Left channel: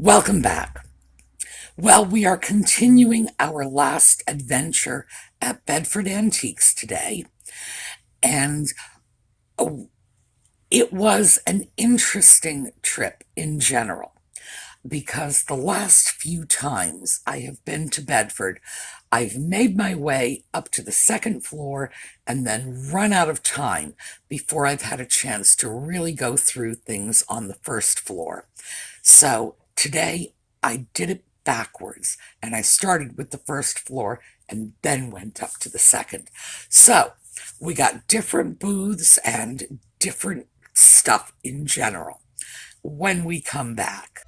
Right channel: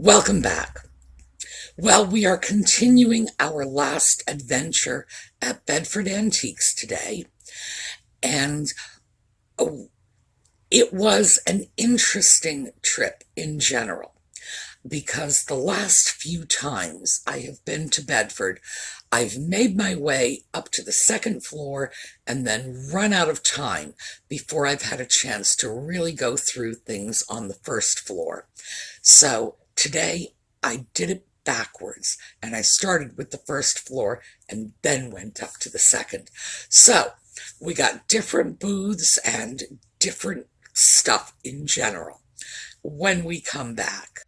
Welcome back. Well, we are continuing our last adventure at Bedford Antiques today, and oh, it was an interesting trip in general because the last few times I have been to Bedford, I've made my way up to the second floor and then run out of time before I've had a chance to really go through things on the first floor. So today I did it backwards and I started with the first floor and then went up to the second. So we got different booths and different stuff in general when we come back.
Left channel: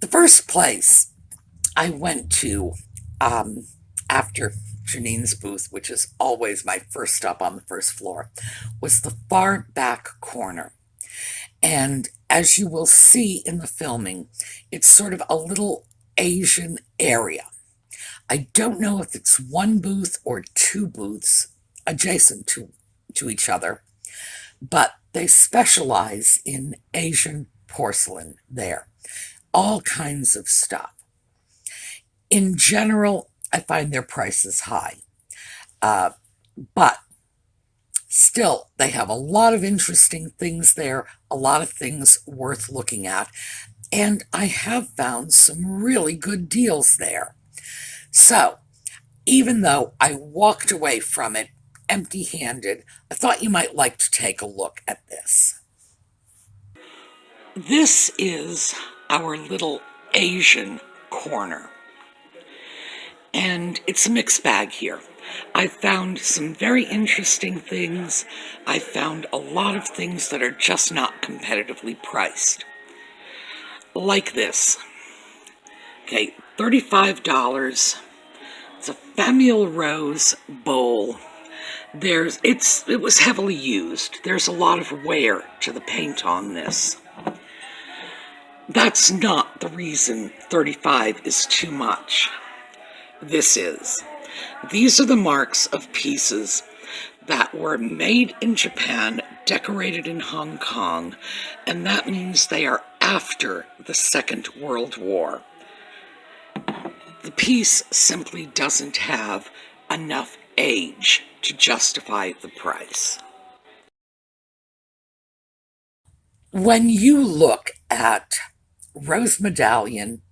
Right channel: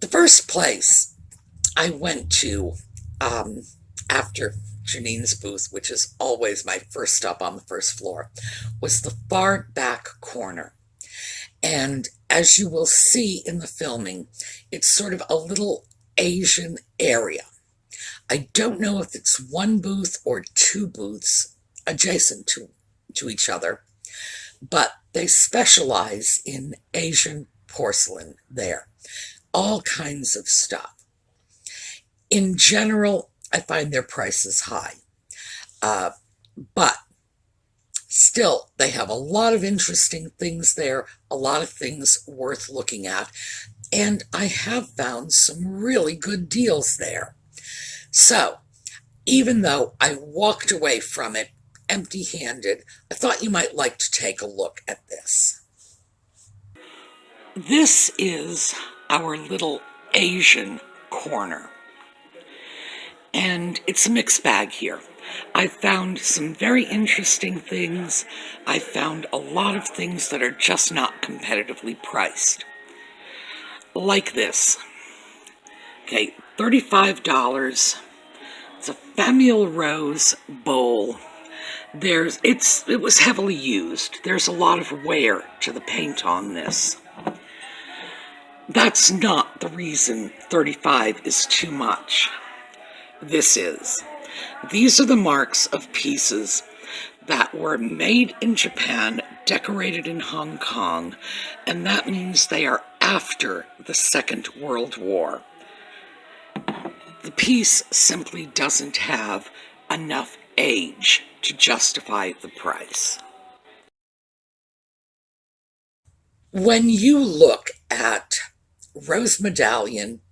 The first place I went to after Janine's booth, which is always my first stop on the first floor, was the far back corner. And as you will see in the filming, it's sort of a little Asian area. I don't know if it's one booth or two booths adjacent to each other, but they specialize in Asian porcelain there. All kinds of stuff. In general, I find their prices high, but still, they have a lot of interesting things there, a lot of things worth looking at, and I have found some really good deals there. So, even though I walked away from it empty-handed, I thought you might like to take a look at this. This is our little Asian corner. And it's a mixed bag here. I found some very interesting things. I found a lot of things that are just not competitively priced. Like this. Okay, $35. It's a Famille Rose bowl. It was heavily used. There's a lot of wear to the paint on this. That's not the reason 35 is too much. This is. These are the marks of pieces that were made in Japan, decorated in Hong Kong, and that means they are after the Second World War. The piece simply doesn't have enough age to justify the price. When you look at Rose Medallion,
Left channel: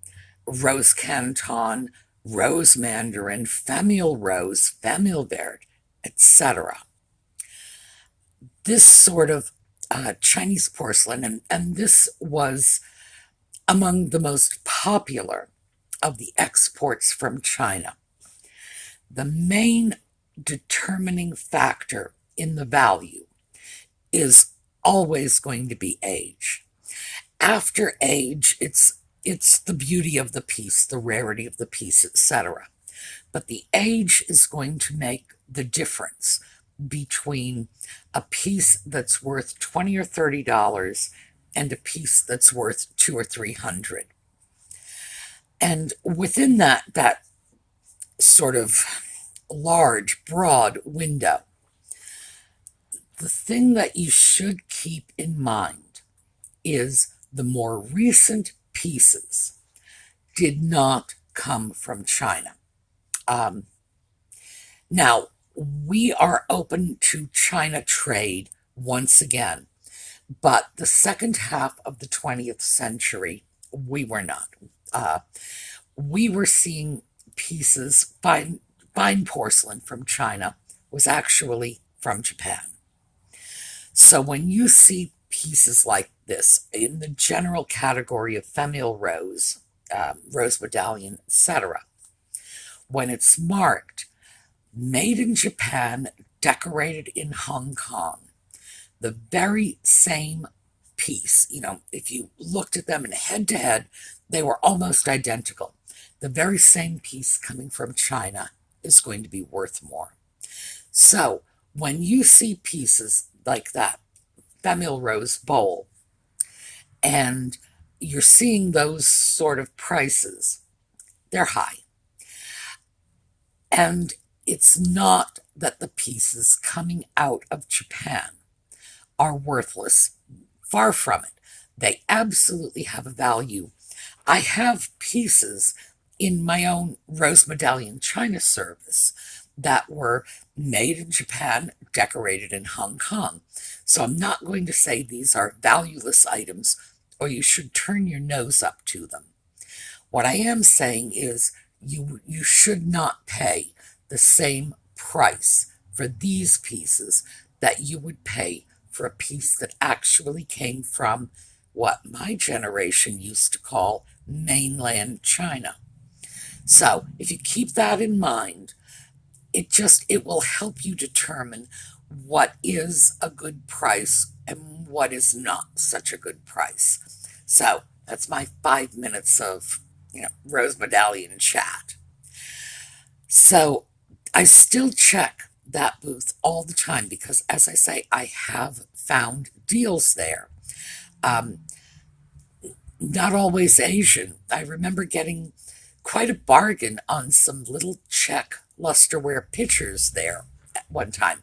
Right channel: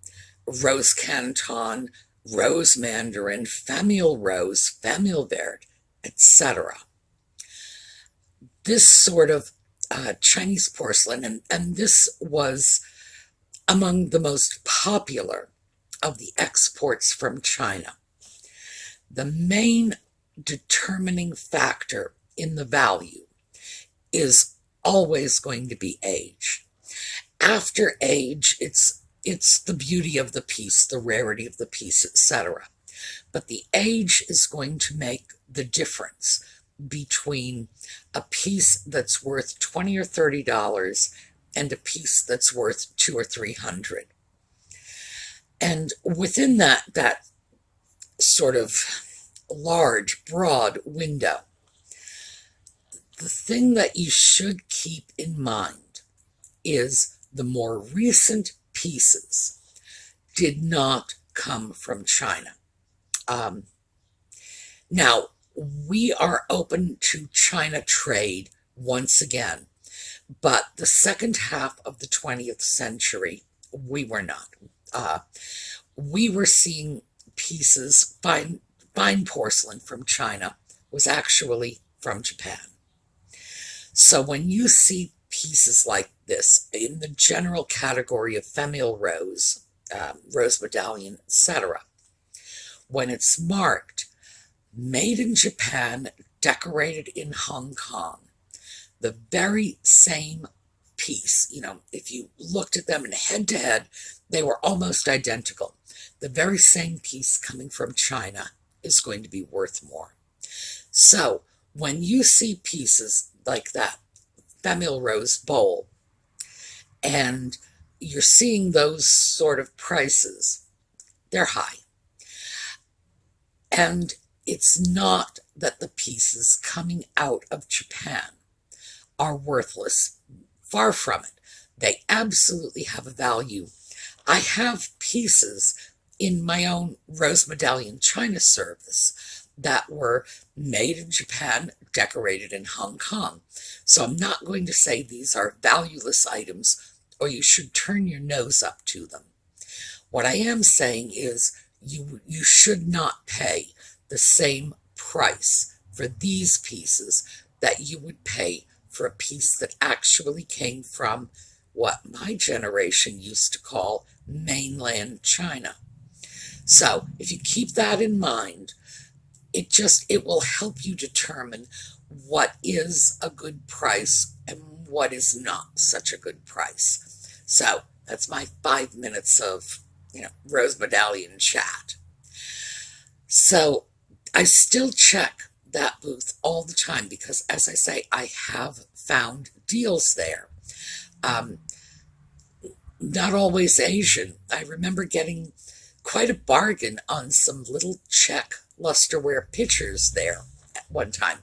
Rose Canton, Rose Mandarin, Famille Rose, Famille Verte, etc. This sort of Chinese porcelain, and this was among the most popular of the exports from China. The main determining factor in the value is always going to be age. After age, it's the beauty of the piece, the rarity of the piece, etc. But the age is going to make the difference between a piece that's worth $20 or $30 and a piece that's worth $200 or $300. And within that sort of large, broad window, the thing that you should keep in mind is the more recent pieces did not come from China. Now, we are open to China trade once again, but the second half of the 20th century, we were not. We were seeing pieces, fine porcelain from China was actually from Japan. So when you see pieces like this in the general category of Famille Rose, Rose Medallion, etc., when it's marked, made in Japan, decorated in Hong Kong, the very same piece, if you looked at them in head to head, they were almost identical. The very same piece coming from China is going to be worth more. So when you see pieces like that Famille Rose bowl, and you're seeing those sort of prices, they're high. And it's not that the pieces coming out of Japan are worthless. Far from it. They absolutely have a value. I have pieces in my own Rose Medallion China service that were made in Japan, decorated in Hong Kong. So I'm not going to say these are valueless items or you should turn your nose up to them. What I am saying is you should not pay the same price for these pieces that you would pay for a piece that actually came from what my generation used to call mainland China. So if you keep that in mind, it will help you determine what is a good price and what is not such a good price. So that's my 5 minutes of, Rose Medallion chat. So I still check that booth all the time because, as I say, I have found deals there. Not always Asian. I remember getting quite a bargain on some little Czech lusterware pitchers there at one time.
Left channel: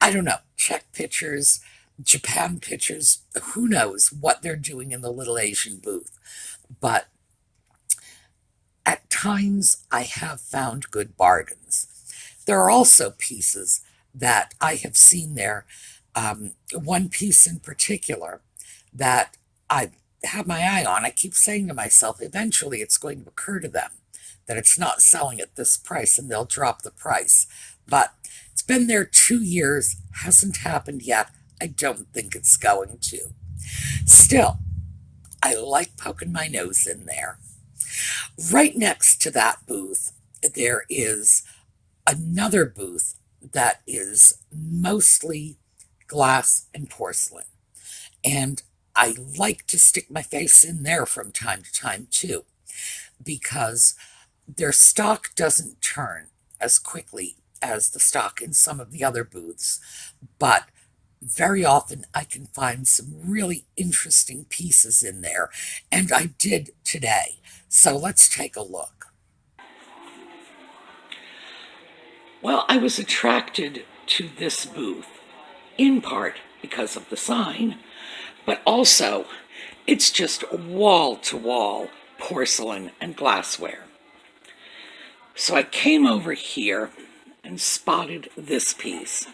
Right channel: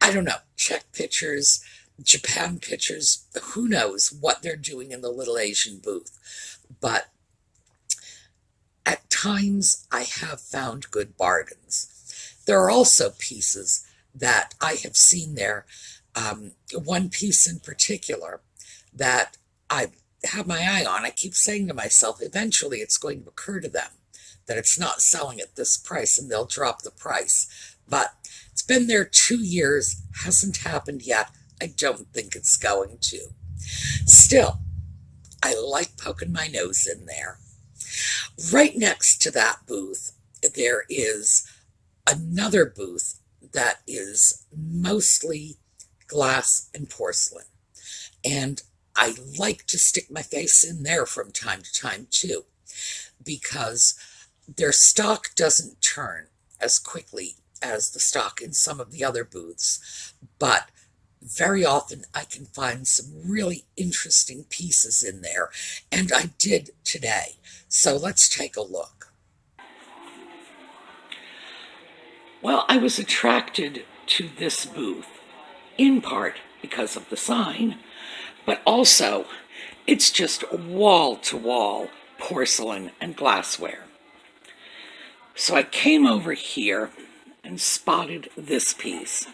I don't know, Czech pitchers, Japan pitchers, who knows what they're doing in the little Asian booth. But at times I have found good bargains. There are also pieces that I have seen there. One piece in particular that I have my eye on. I keep saying to myself, eventually it's going to occur to them that it's not selling at this price and they'll drop the price. But it's been there 2 years, hasn't happened yet. I don't think it's going to. Still, I like poking my nose in there. Right next to that booth, there is another booth that is mostly glass and porcelain. And I like to stick my face in there from time to time too, because their stock doesn't turn as quickly as the stock in some of the other booths, but very often I can find some really interesting pieces in there, and I did today. So let's take a look. Well, I was attracted to this booth, in part because of the sign, but also it's just wall-to-wall porcelain and glassware. So I came over here and spotted this piece.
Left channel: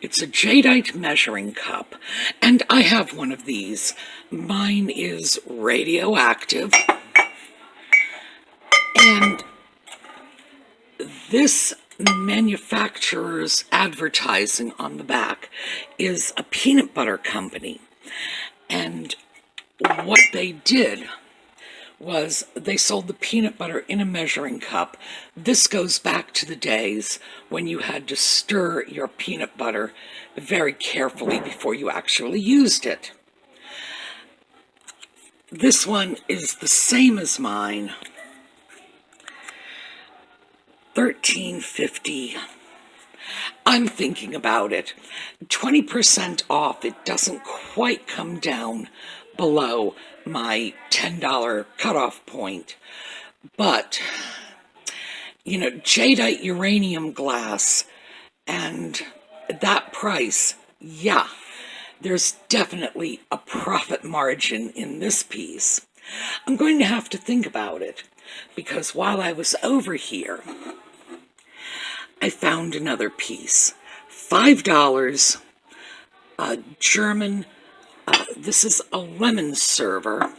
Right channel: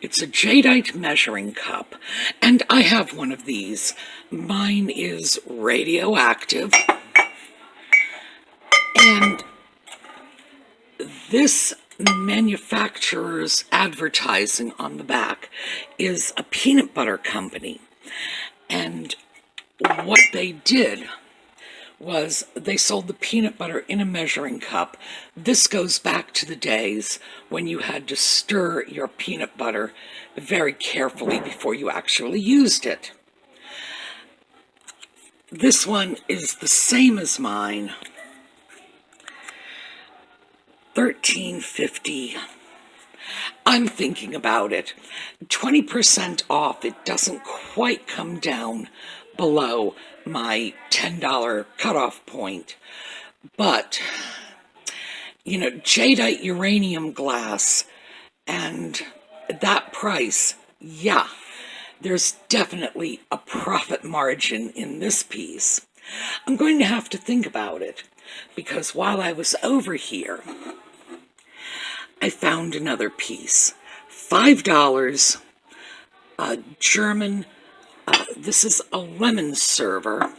It's a Jadeite measuring cup, and I have one of these. Mine is radioactive, and this manufacturer's advertising on the back is a peanut butter company. And what they did was they sold the peanut butter in a measuring cup. This goes back to the days when you had to stir your peanut butter very carefully before you actually used it. This one is the same as mine. $13.50. I'm thinking about it. 20% off. It doesn't quite come down below my $10 cutoff point. But, jadeite uranium glass and that price, yeah, there's definitely a profit margin in this piece. I'm going to have to think about it because while I was over here, I found another piece. $5, a German, this is a lemon server.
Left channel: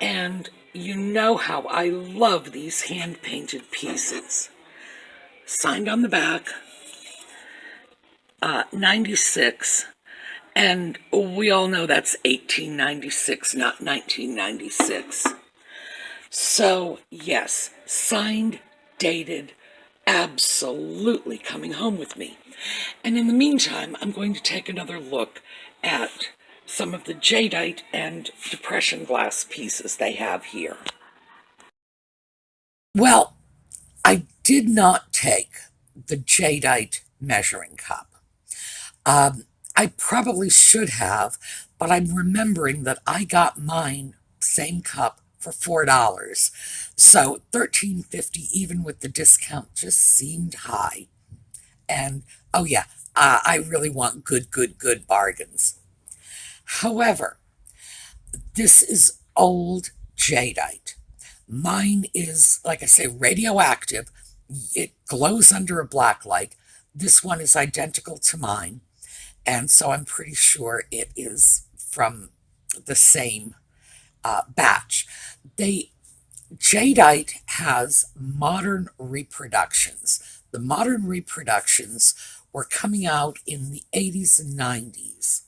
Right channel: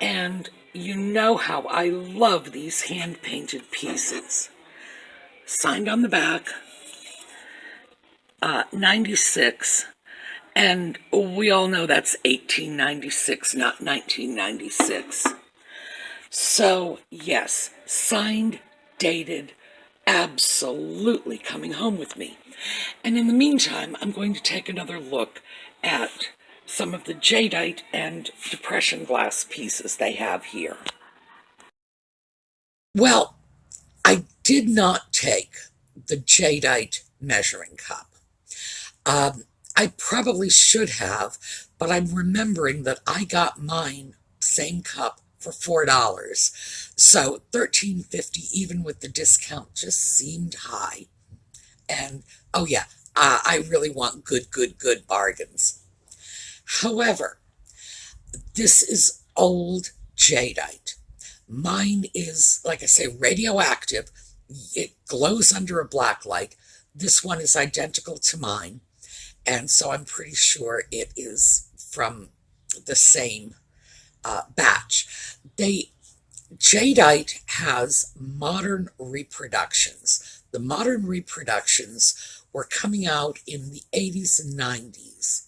And you know how I love these hand-painted pieces. Signed on the back, 96. And we all know that's 1896, not 1996. So, yes, signed, dated, absolutely coming home with me. And in the meantime, I'm going to take another look at some of the jadeite and depression glass pieces they have here. Well, I did not take the Jadeite measuring cup. I probably should have, but I'm remembering that I got mine, same cup, for $4. So $13.50, even with the discount, just seemed high. And oh yeah, I really want good bargains. However, this is old jadeite. Mine is, like I say, radioactive. It glows under a black light. This one is identical to mine, and so I'm pretty sure it is from the same batch. Jadeite has modern reproductions. The modern reproductions were coming out in the 80s and 90s.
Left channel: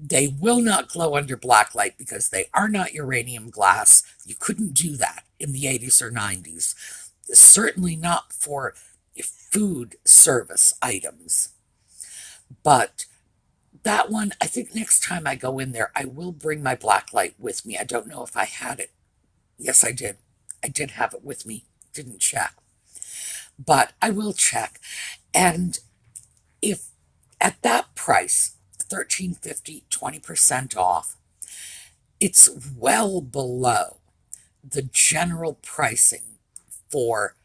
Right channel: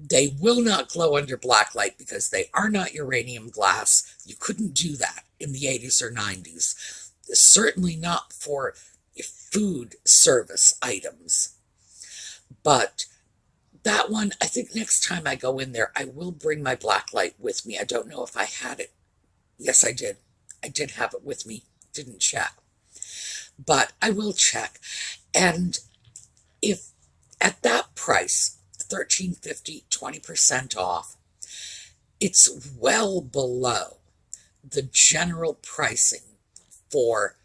They will not glow under black light because they are not uranium glass. You couldn't do that in the 80s or 90s. Certainly not for food service items. But that one, I think next time I go in there, I will bring my black light with me. I don't know if I had it. Yes, I did. I did have it with me. Didn't check. But I will check. And if at that price, $13.50, 20% off, it's well below the general pricing for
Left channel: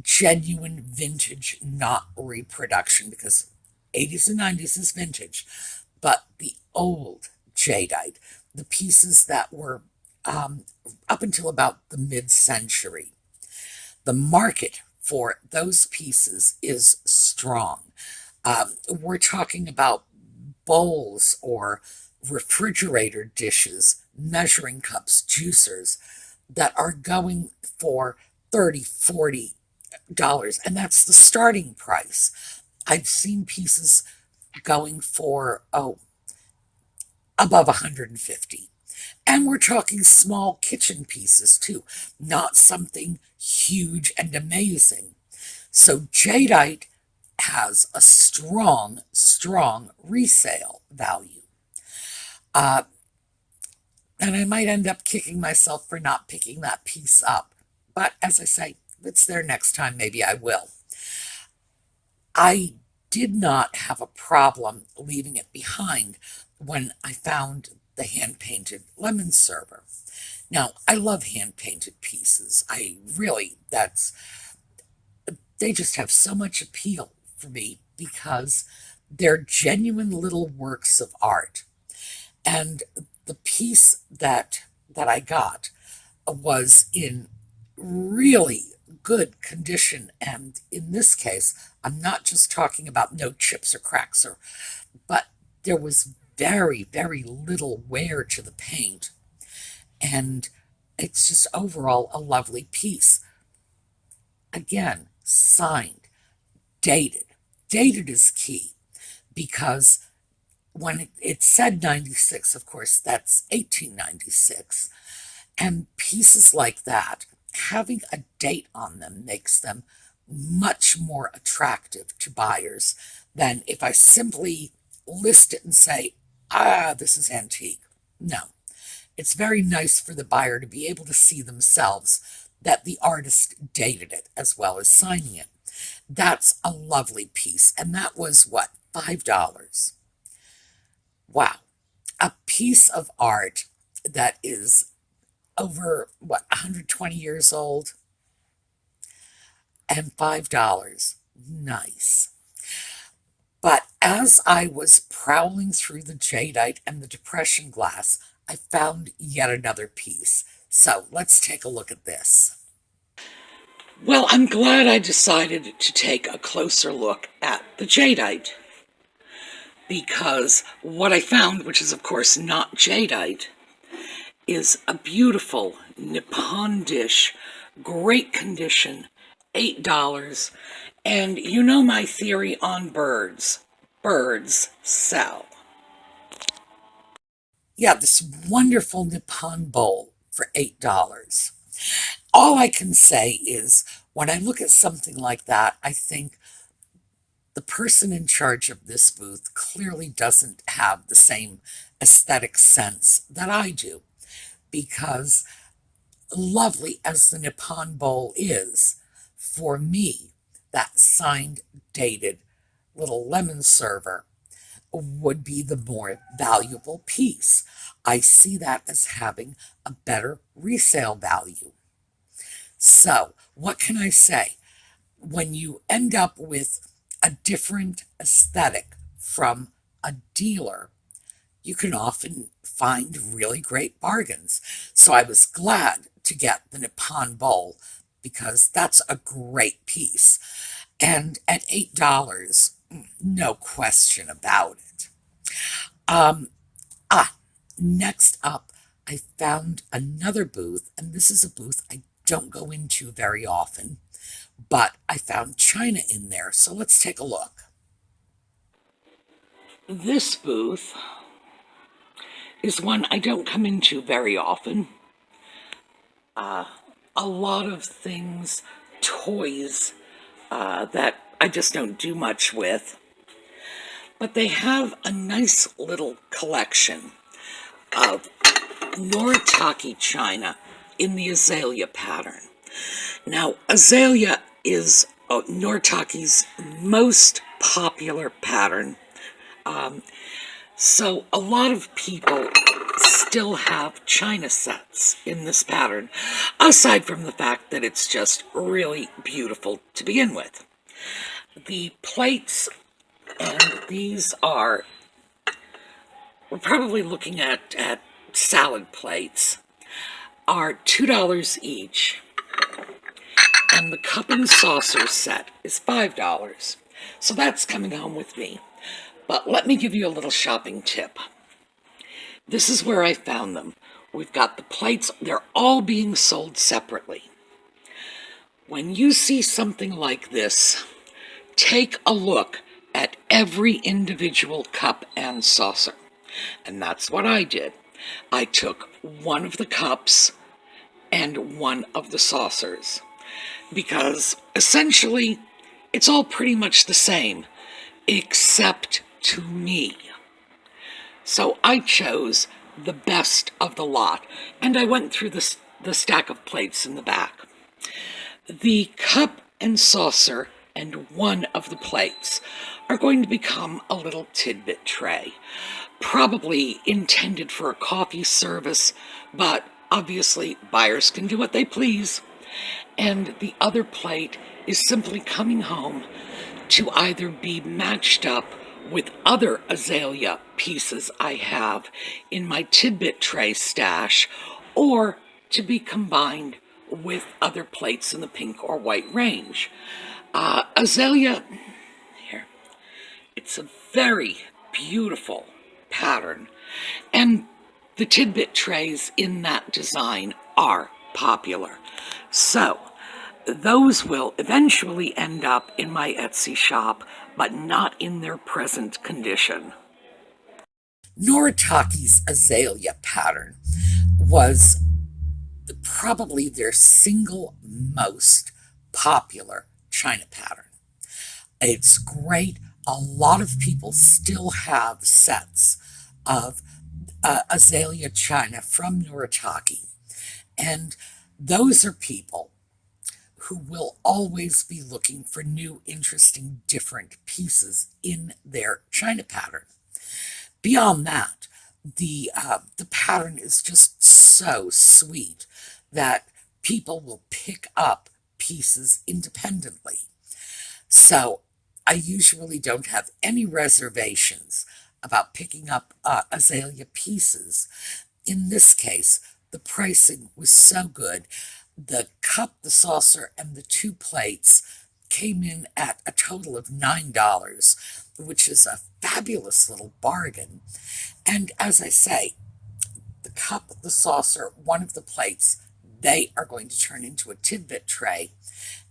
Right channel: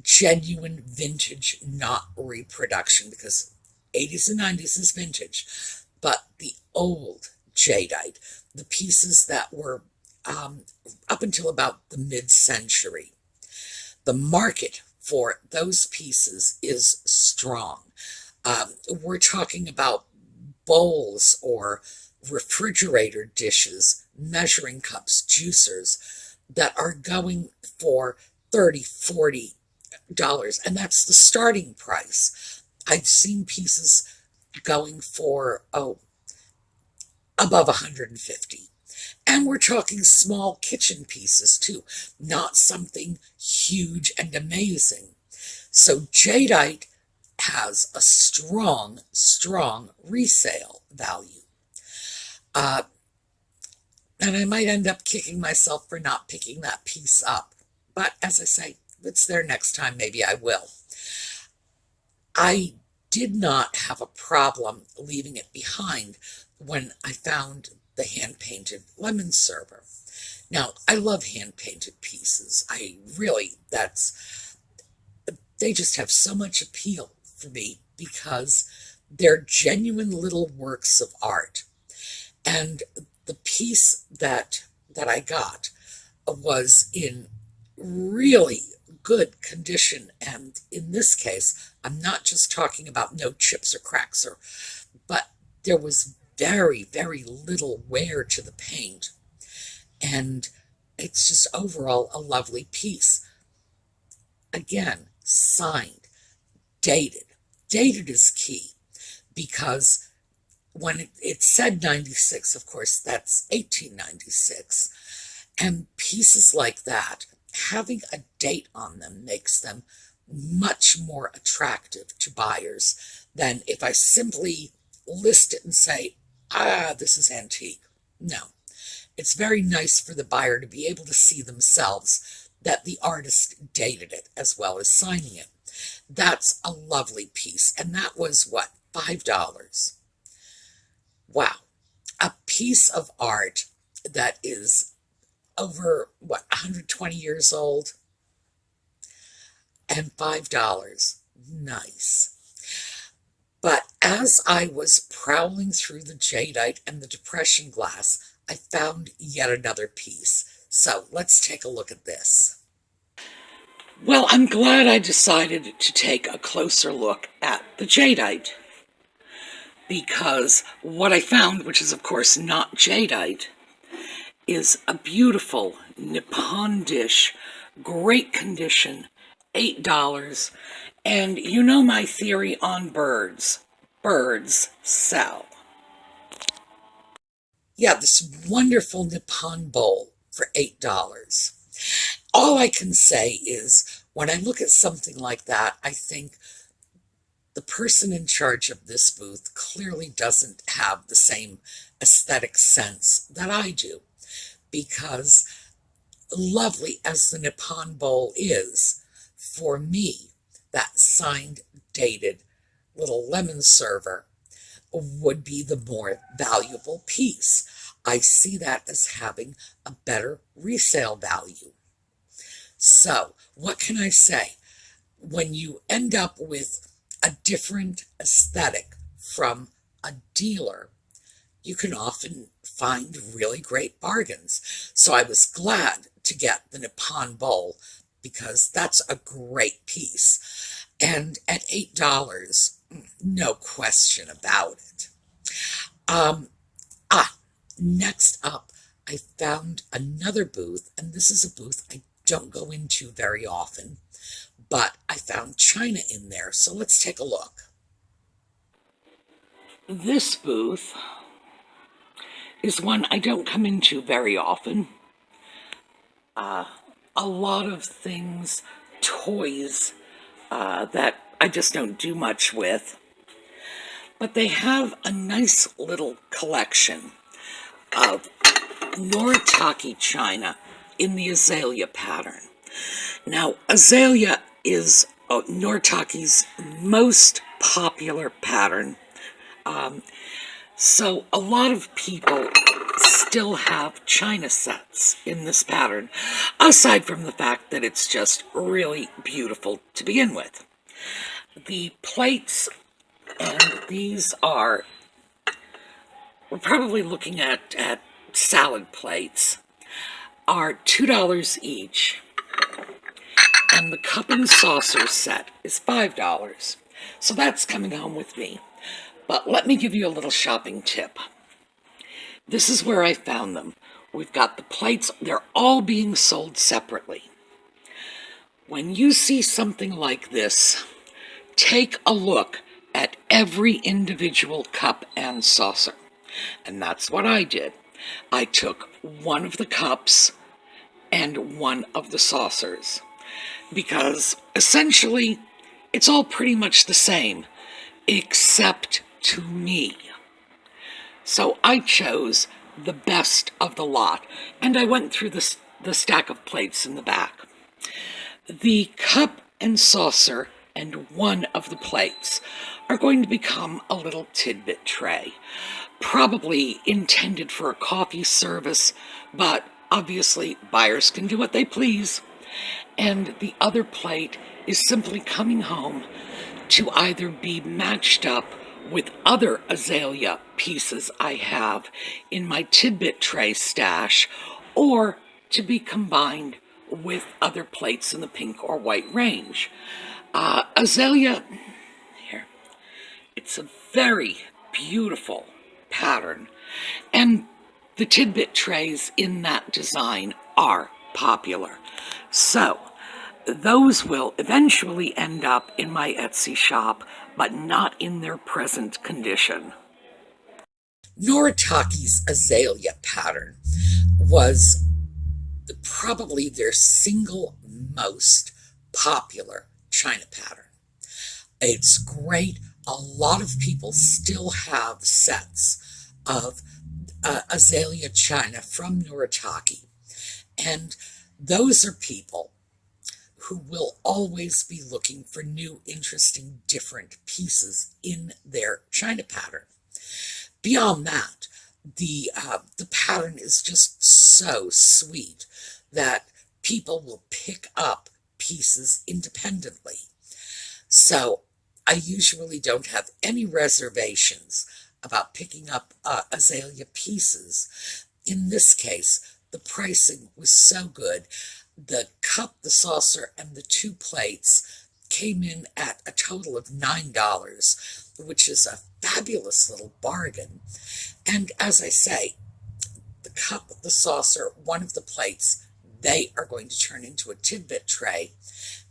genuine vintage, not reproduction, because 80s and 90s is vintage. But the old jadeite, the pieces that were up until about the mid-century, the market for those pieces is strong. We're talking about bowls or refrigerator dishes, measuring cups, juicers that are going for $30, $40, and that's the starting price. I've seen pieces going for, above $150. And we're talking small kitchen pieces too, not something huge and amazing. So jadeite has a strong resale value. And I might end up kicking myself for not picking that piece up. But as I say, if it's there next time, maybe I will. I did not have a problem leaving it behind when I found the hand-painted lemon server. Now, I love hand-painted pieces. They just have so much appeal for me because they're genuine little works of art. And the piece that I got was in really good condition. And in this case, I'm not just talking about no chips or cracks, but there was very little wear to the paint. And it's just overall a lovely piece. Again, signed, dated. Dated is key because when it said 96, of course, that's 1896. And pieces like that, having a date on them makes them much more attractive to buyers than if I simply list it and say, this is antique. No, it's very nice for the buyer to be able to see themselves that the artist dated it as well as signing it. That's a lovely piece. And that was what, $5? Wow. A piece of art that is over, 120 years old? And $5. Nice. But as I was prowling through the jadeite and the depression glass, I found yet another piece. So let's take a look at this. Well, I'm glad I decided to take a closer look at the jadeite, because what I found, which is of course not jadeite, is a beautiful Nippon dish, great condition, $8. And you know my theory on birds. Birds sell. Yeah, this wonderful Nippon bowl for $8. All I can say is, when I look at something like that, I think the person in charge of this booth clearly doesn't have the same aesthetic sense that I do. Because lovely as the Nippon bowl is, for me, that signed, dated little lemon server would be the more valuable piece. I see that as having a better resale value. So, what can I say? When you end up with a different aesthetic from a dealer, you can often find really great bargains. So I was glad to get the Nippon bowl because that's a great piece. And at $8, no question about it. Um, Next up, I found another booth, and this is a booth I don't go into very often, but I found China in there, so let's take a look. This booth is one I don't come into very often. A lot of things, toys, that I just don't do much with. But they have a nice little collection of Noritake china in the azalea pattern. Now, azalea is Noritake's most popular pattern. So a lot of people still have china sets in this pattern, aside from the fact that it's just really beautiful to begin with. The plates, and these are, we're probably looking at salad plates, are $2 each, and the cup and saucer set is $5. So that's coming home with me. But let me give you a little shopping tip. This is where I found them. We've got the plates. They're all being sold separately. When you see something like this, take a look at every individual cup and saucer. And that's what I did. I took one of the cups and one of the saucers, because essentially it's all pretty much the same, except to me. So I chose the best of the lot, and I went through the stack of plates in the back. The cup and saucer and one of the plates are going to become a little tidbit tray, probably intended for a coffee service, but obviously buyers can do what they please. And the other plate is simply coming home to either be matched up with other azalea pieces I have in my tidbit tray stash, or to be combined with other plates in the pink or white range. Azalea, here, it's a very beautiful pattern, and the tidbit trays in that design are popular. So those will eventually end up in my Etsy shop, but not in their present condition. Noritake's azalea pattern was probably their single most popular china pattern. It's great. A lot of people still have sets of azalea china from Noritake, and those are people who will always be looking for new, interesting, different pieces in their china pattern. Beyond that, the pattern is just so sweet that people will pick up pieces independently. So I usually don't have any reservations about picking up azalea pieces. In this case, the pricing was so good. The cup, the saucer, and the two plates came in at a total of $9, which is a fabulous little bargain. And as I say, the cup, the saucer, one of the plates, they are going to turn into a tidbit tray,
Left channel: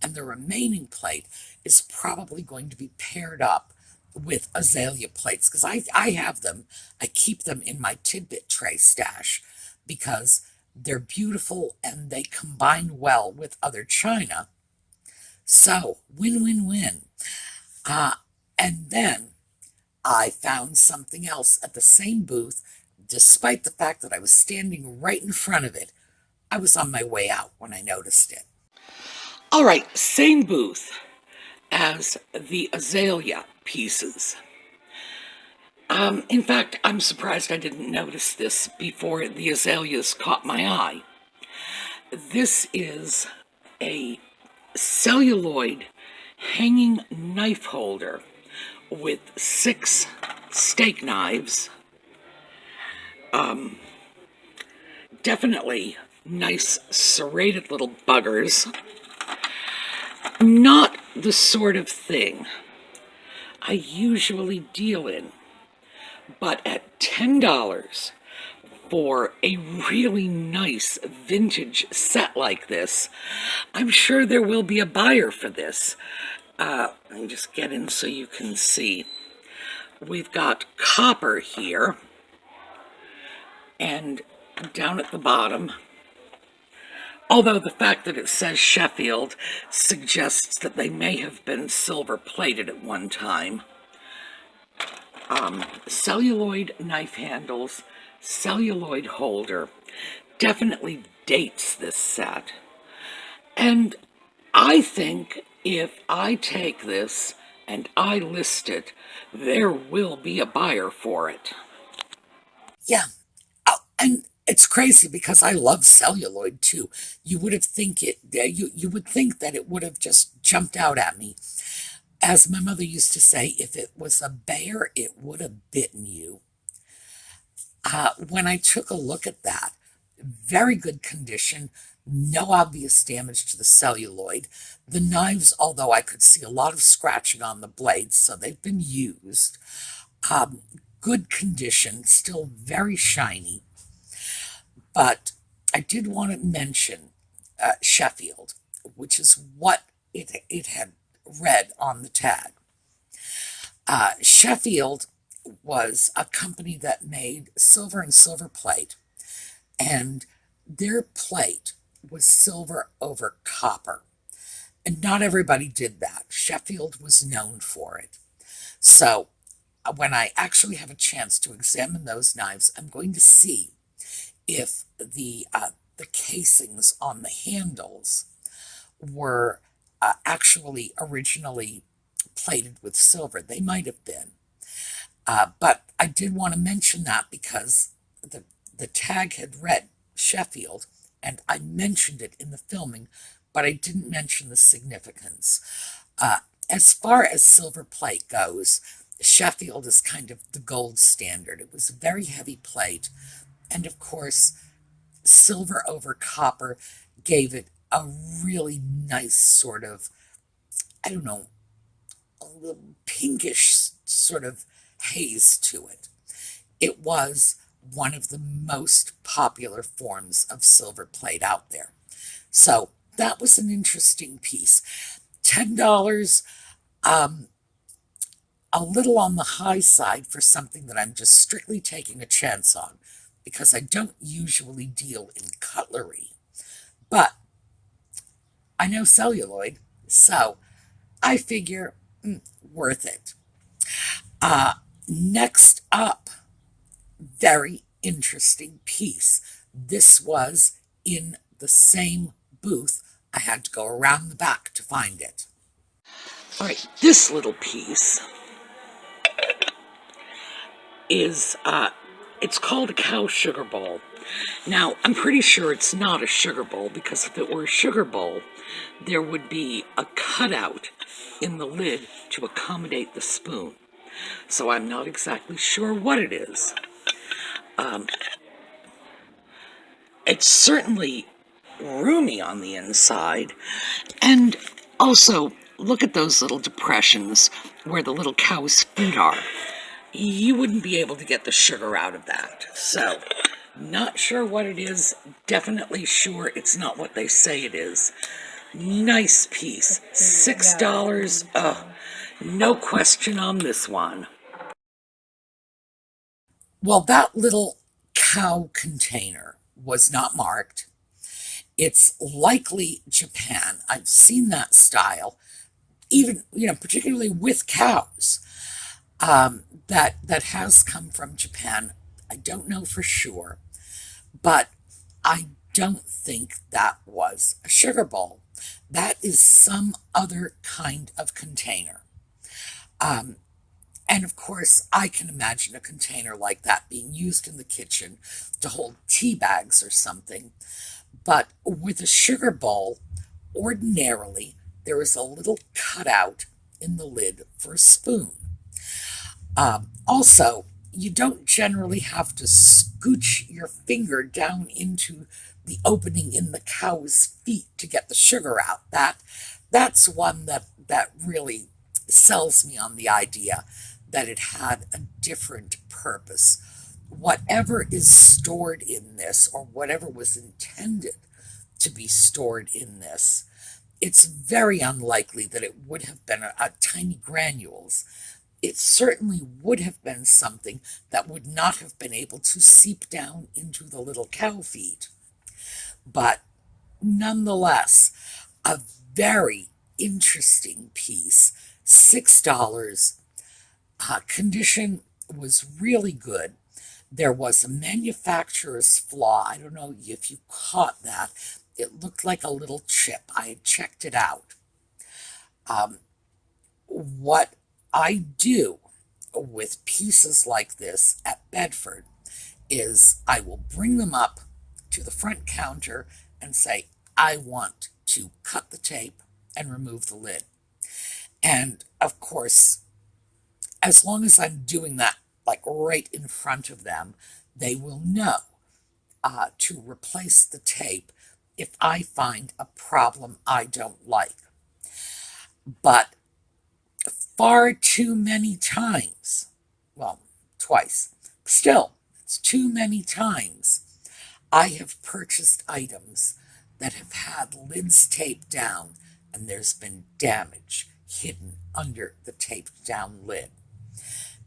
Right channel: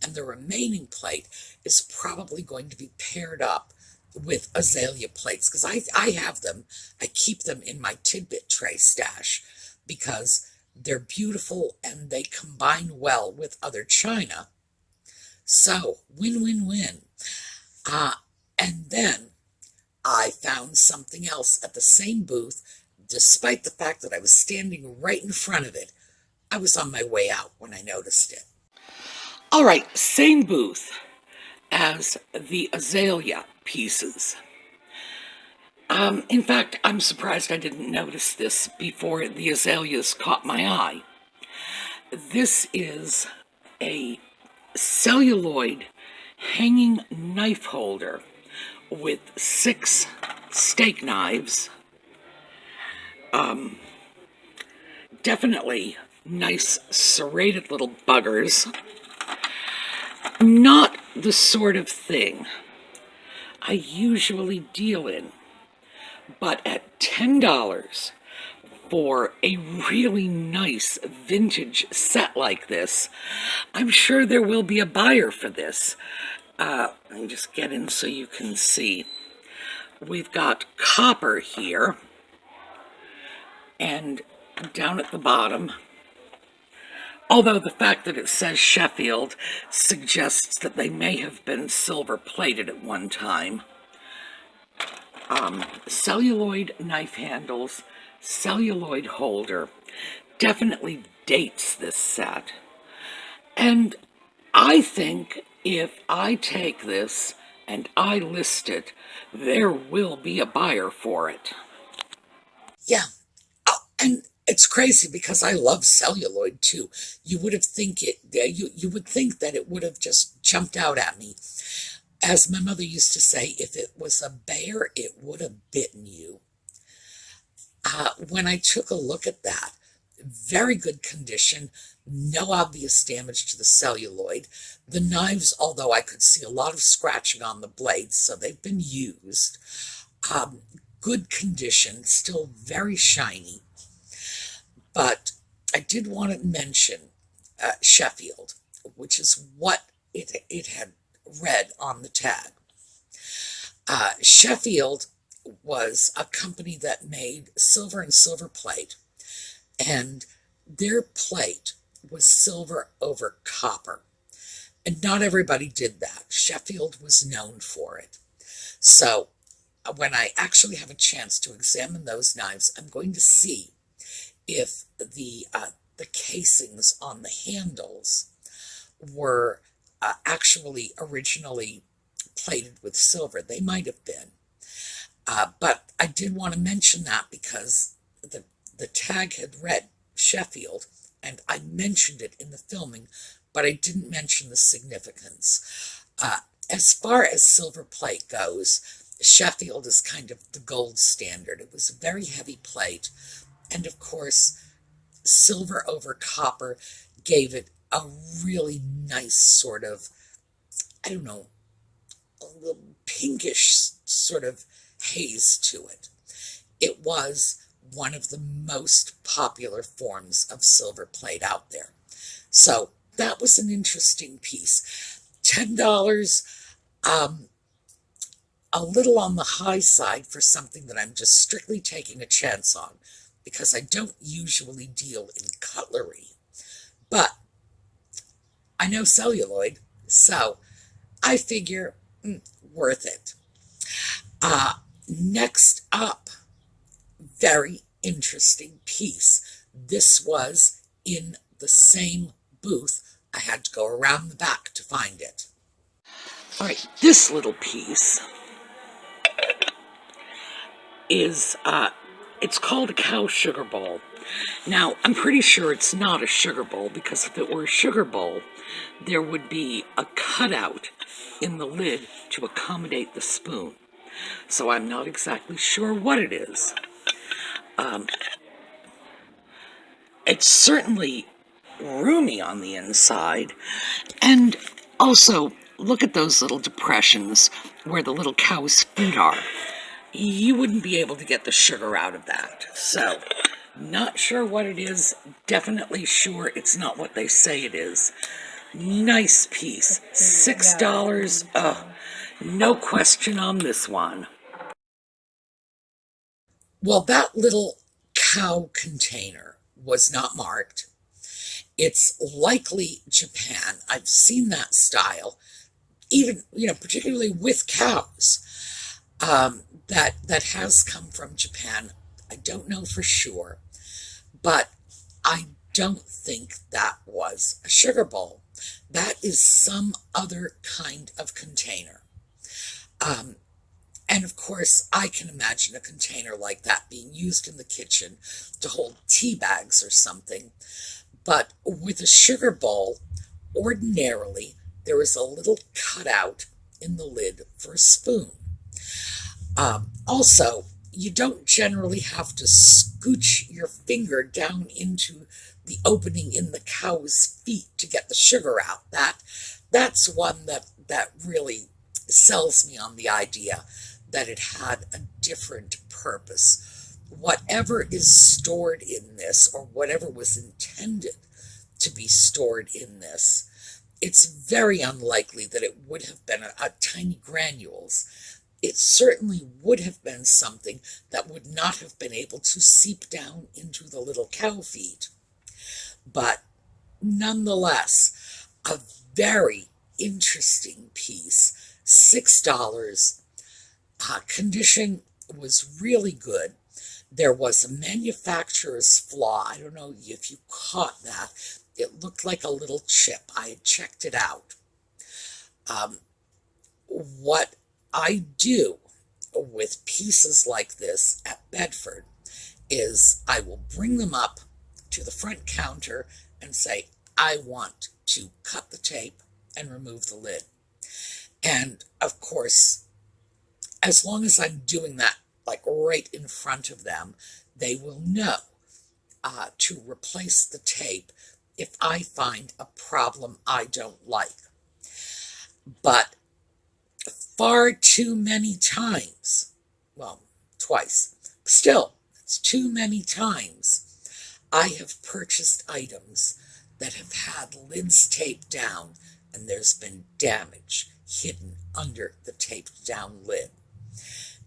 and the remaining plate is probably going to be paired up with azalea plates, because I have them. I keep them in my tidbit tray stash because they're beautiful and they combine well with other china. So, win-win-win. And then I found something else at the same booth, despite the fact that I was standing right in front of it. I was on my way out when I noticed it. All right, same booth. as the azalea pieces. In fact, I'm surprised I didn't notice this before the azaleas caught my eye. This is a celluloid hanging knife holder with 6 steak knives. Definitely nice serrated little buggers. Not the sort of thing I usually deal in, but at $10 for a really nice vintage set like this, I'm sure there will be a buyer for this. Let me just get in so you can see. We've got copper here, and down at the bottom, although the fact that it says Sheffield suggests that they may have been silver plated at one time. Celluloid knife handles, celluloid holder, definitely dates this set. And I think if I take this and I list it, there will be a buyer for it. Yeah, and it's crazy because I love celluloid too. You would have you would think that it would have just jumped out at me. As my mother used to say, if it was a bear, it would have bitten you. When I took a look at that, very good condition, no obvious damage to the celluloid. The knives, although I could see a lot of scratching on the blades, so they've been used. Good condition, still very shiny. But I did want to mention Sheffield, which is what it had read on the tag. Sheffield was a company that made silver and silver plate, and their plate was silver over copper. And not everybody did that. Sheffield was known for it. So when I actually have a chance to examine those knives, I'm going to see if the casings on the handles were actually originally plated with silver. They might have been. But I did want to mention that because the tag had read Sheffield, and I mentioned it in the filming, but I didn't mention the significance. As far as silver plate goes, Sheffield is kind of the gold standard. It was a very heavy plate, and of course, silver over copper gave it a really nice sort of, I don't know, a little pinkish sort of haze to it. It was one of the most popular forms of silver plate out there. So that was an interesting piece. $10, a little on the high side for something that I'm just strictly taking a chance on, because I don't usually deal in cutlery. But I know celluloid, so I figure worth it. Next up, very interesting piece. This was in the same booth. I had to go around the back to find it. All right, this little piece is, it's called a cow sugar bowl. Now, I'm pretty sure it's not a sugar bowl, because if it were a sugar bowl, there would be a cutout in the lid to accommodate the spoon. So I'm not exactly sure what it is. It's certainly roomy on the inside, and also look at those little depressions where the little cow's feet are. You wouldn't be able to get the sugar out of that. So, not sure what it is, definitely sure it's not what they say it is. Nice piece, $6, no question on this one. Well, that little cow container was not marked. It's likely Japan. I've seen that style, even, particularly with cows, that has come from Japan. I don't know for sure, but I don't think that was a sugar bowl. That is some other kind of container. Um, and of course, I can imagine a container like that being used in the kitchen to hold tea bags or something. But with a sugar bowl, ordinarily, there is a little cutout in the lid for a spoon. Also, you don't generally have to scooch your finger down into the opening in the cow's feet to get the sugar out. That's one that really sells me on the idea that it had a different purpose. Whatever is stored in this, or whatever was intended to be stored in this, it's very unlikely that it would have been a tiny granules. It certainly would have been something that would not have been able to seep down into the little cow feed. But nonetheless, a very interesting piece. $6. Condition was really good. There was a manufacturer's flaw. I don't know if you caught that. It looked like a little chip. I had checked it out. What I do with pieces like this at Bedford is I will bring them up to the front counter and say, I want to cut the tape and remove the lid. And of course, as long as I'm doing that like right in front of them, they will know to replace the tape if I find a problem I don't like. But far too many times, well, twice, still, it's too many times, I have purchased items that have had lids taped down and there's been damage hidden under the taped down lid.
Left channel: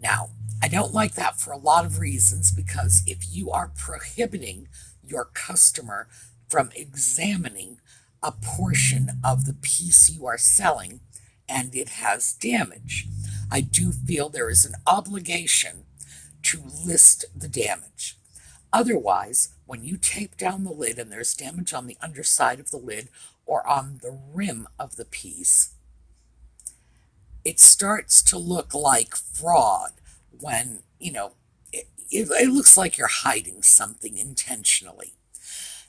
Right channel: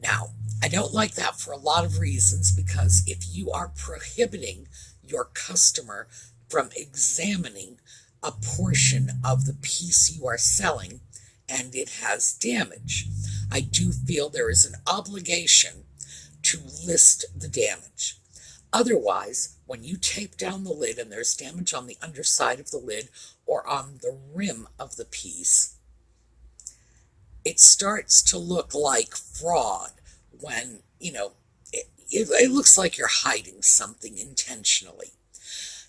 Now, I don't like that for a lot of reasons, because if you are prohibiting your customer from examining a portion of the piece you are selling and it has damage, I do feel there is an obligation to list the damage. Otherwise, when you tape down the lid and there's damage on the underside of the lid or on the rim of the piece, it starts to look like fraud when, it looks like you're hiding something intentionally.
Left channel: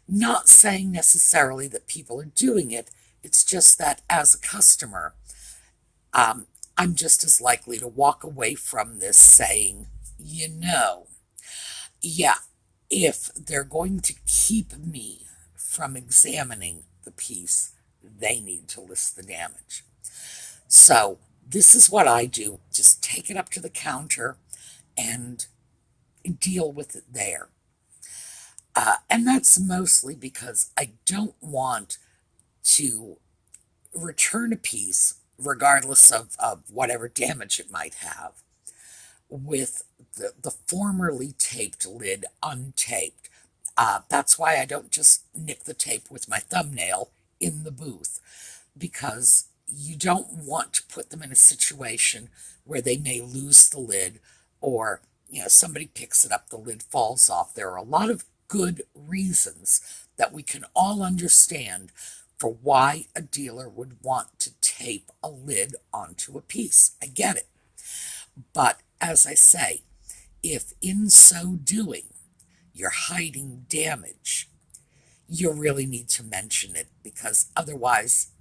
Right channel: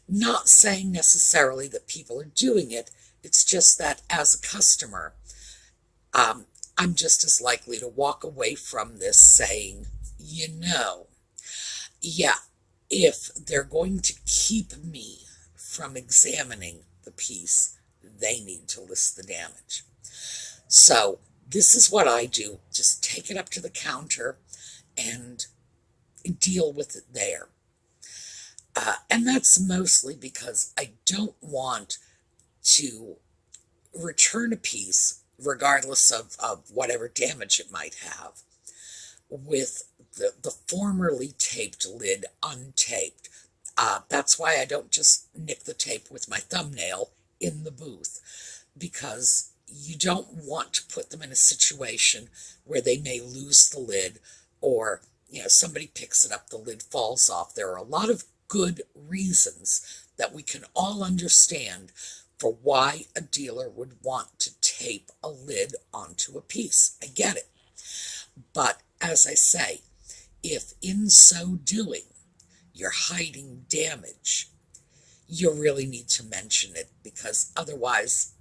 Not saying necessarily that people are doing it, it's just that as a customer, I'm just as likely to walk away from this saying, yeah, if they're going to keep me from examining the piece, they need to list the damage. So this is what I do. Just take it up to the counter and deal with it there. And that's mostly because I don't want to return a piece, regardless of whatever damage it might have, with the formerly taped lid untaped. That's why I don't just nick the tape with my thumbnail in the booth, because you don't want to put them in a situation where they may lose the lid, or somebody picks it up, the lid falls off. There are a lot of good reasons that we can all understand for why a dealer would want to tape a lid onto a piece. I get it. But as I say, if in so doing you're hiding damage, you really need to mention it, because otherwise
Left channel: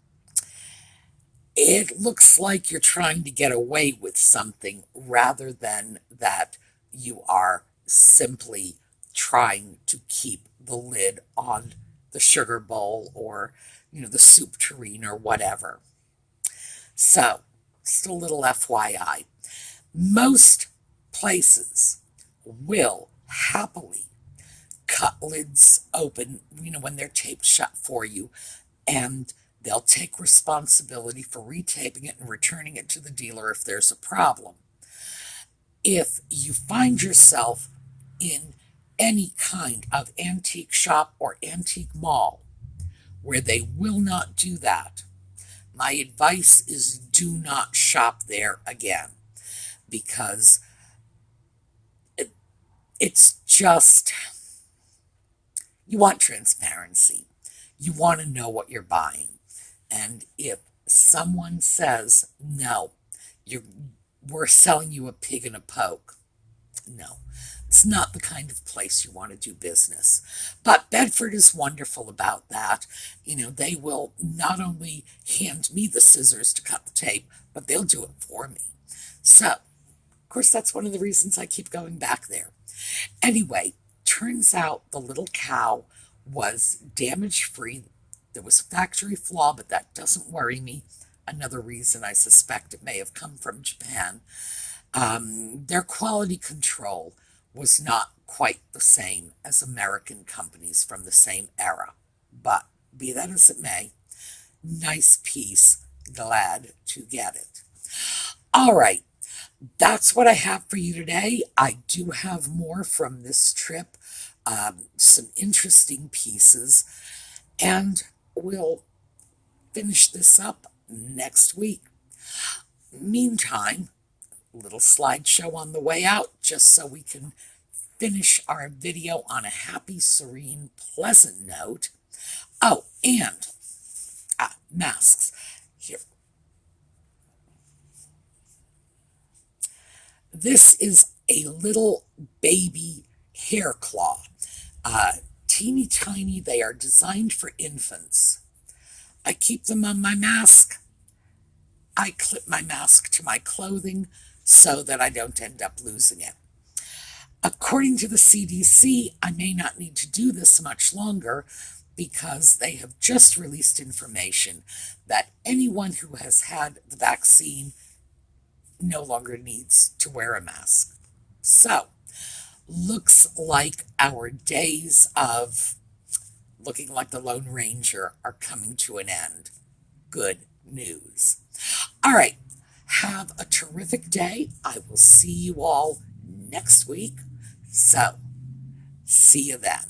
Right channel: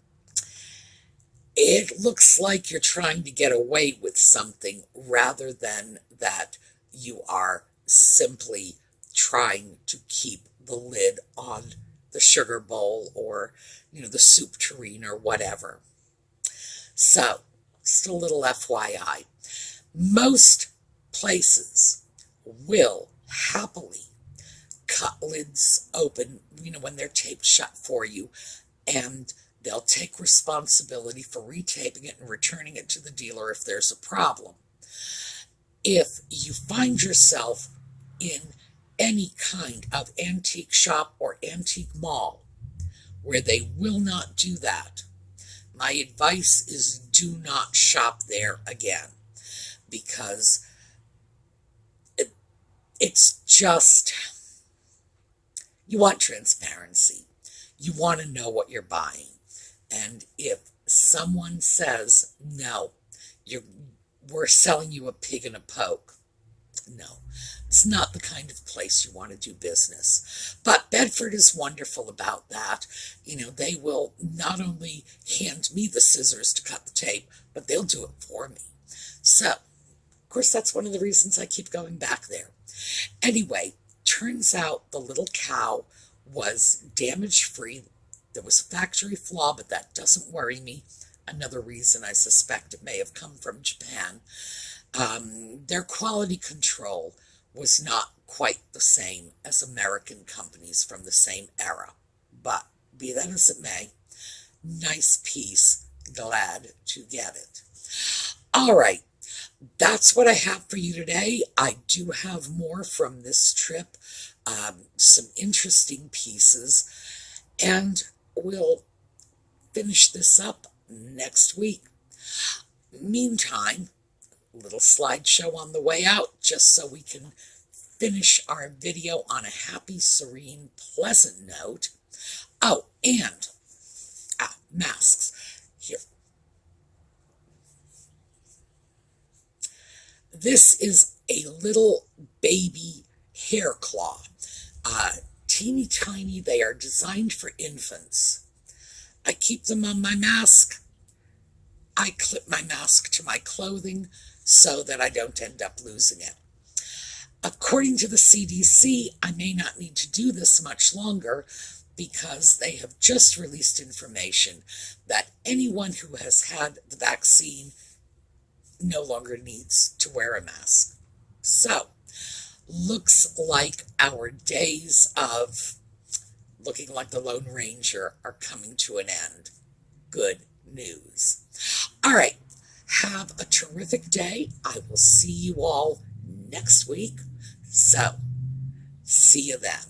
it looks like you're trying to get away with something rather than that you are simply trying to keep the lid on the sugar bowl or the soup tureen or whatever. So, just a little FYI. Most places will happily cut lids open, when they're taped shut for you, and they'll take responsibility for retaping it and returning it to the dealer if there's a problem. If you find yourself in any kind of antique shop or antique mall where they will not do that, my advice is do not shop there again, because it's just, You want transparency. You want to know what you're buying. And if someone says, no, we're selling you a pig in a poke, no, it's not the kind of place you want to do business. But Bedford is wonderful about that. They will not only hand me the scissors to cut the tape, but they'll do it for me. So, of course, that's one of the reasons I keep going back there. Anyway, turns out the little cow was damage-free. There was a factory flaw, but that doesn't worry me. Another reason I suspect it may have come from Japan. Their quality control was not quite the same as American companies from the same era. But be that as it may, nice piece, glad to get it. All right, that's what I have for you today. I do have more from this trip, some interesting pieces, and we'll finish this up next week. Meantime, little slideshow on the way out, just so we can finish our video on a happy, serene, pleasant note. Oh, and masks. Here. This is a little baby hair claw. Teeny tiny. They are designed for infants. I keep them on my mask. I clip my mask to my clothing so that I don't end up losing it. According to the CDC, I may not need to do this much longer because they have just released information that anyone who has had the vaccine no longer needs to wear a mask. So, looks like our days of looking like the Lone Ranger are coming to an end. Good news. All right, have a terrific day. I will see you all next week. So, see you then.